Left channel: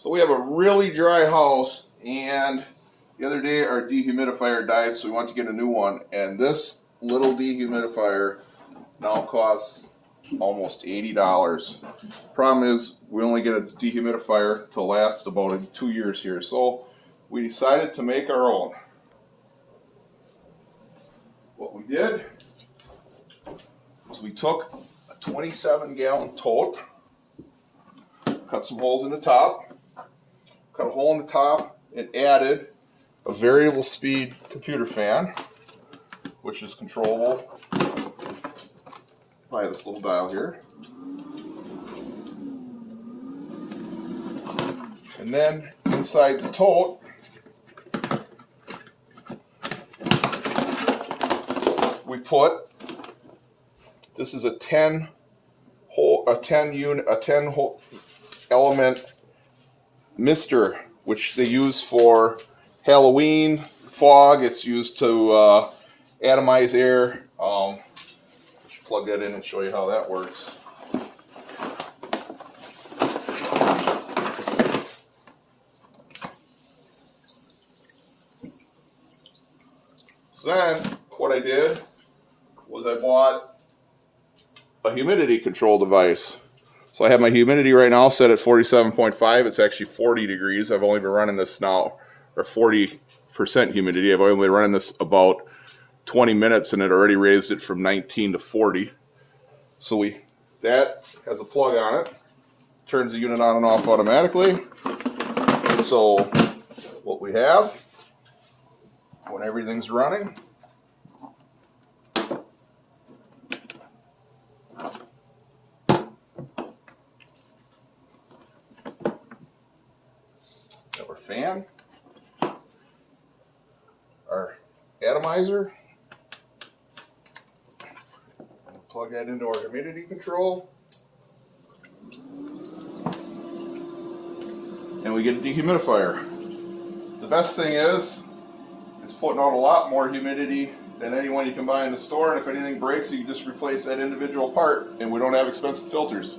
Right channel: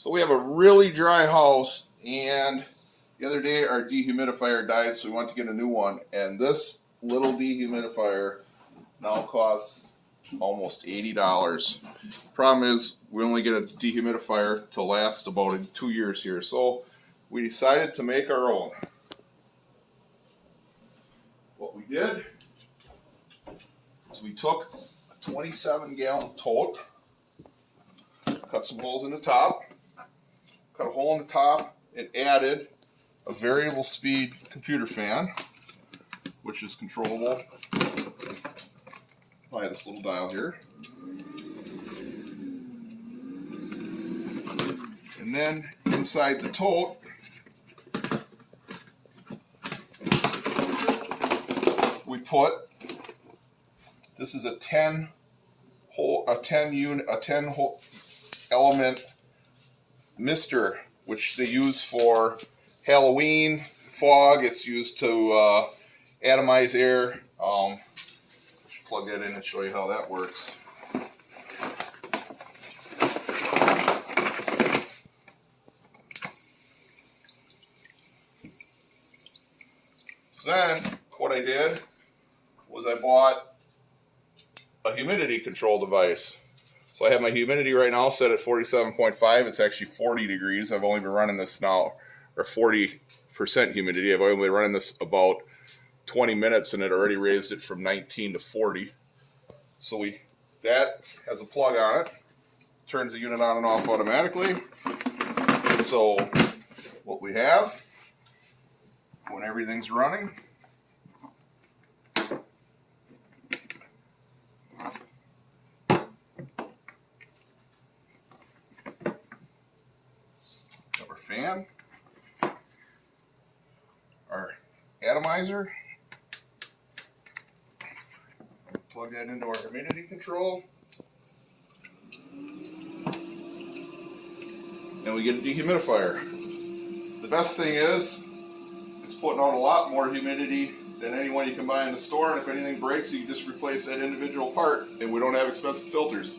So we have a really dry house, and the other day our dehumidifier died, so we went to get a new one. And this little dehumidifier now costs almost $80. Problem is, we only get a dehumidifier to last about 2 years here, so we decided to make our own. What we did is we took a 27-gallon tote, cut some holes in the top, cut a hole in the top, and added a variable speed computer fan, which is controllable by this little dial here. And then inside the tote, we put, this is a 10 element mister, which they use for Halloween fog. It's used to atomize air. Just plug that in and show you how that works. So then what I did was I bought a humidity control device. So I have my humidity right now set at 47.5. It's actually 40 degrees. I've only been running this now, or 40% humidity. I've only been running this about 20 minutes, and it already raised it from 19 to 40. So that has a plug on it. Turns the unit on and off automatically. So what we have when everything's running, our fan, our atomizer, plug that into our humidity control, and we get a dehumidifier. The best thing is, it's putting out a lot more humidity than any one you can buy in the store, and if anything breaks, you can just replace that individual part, and we don't have expensive filters.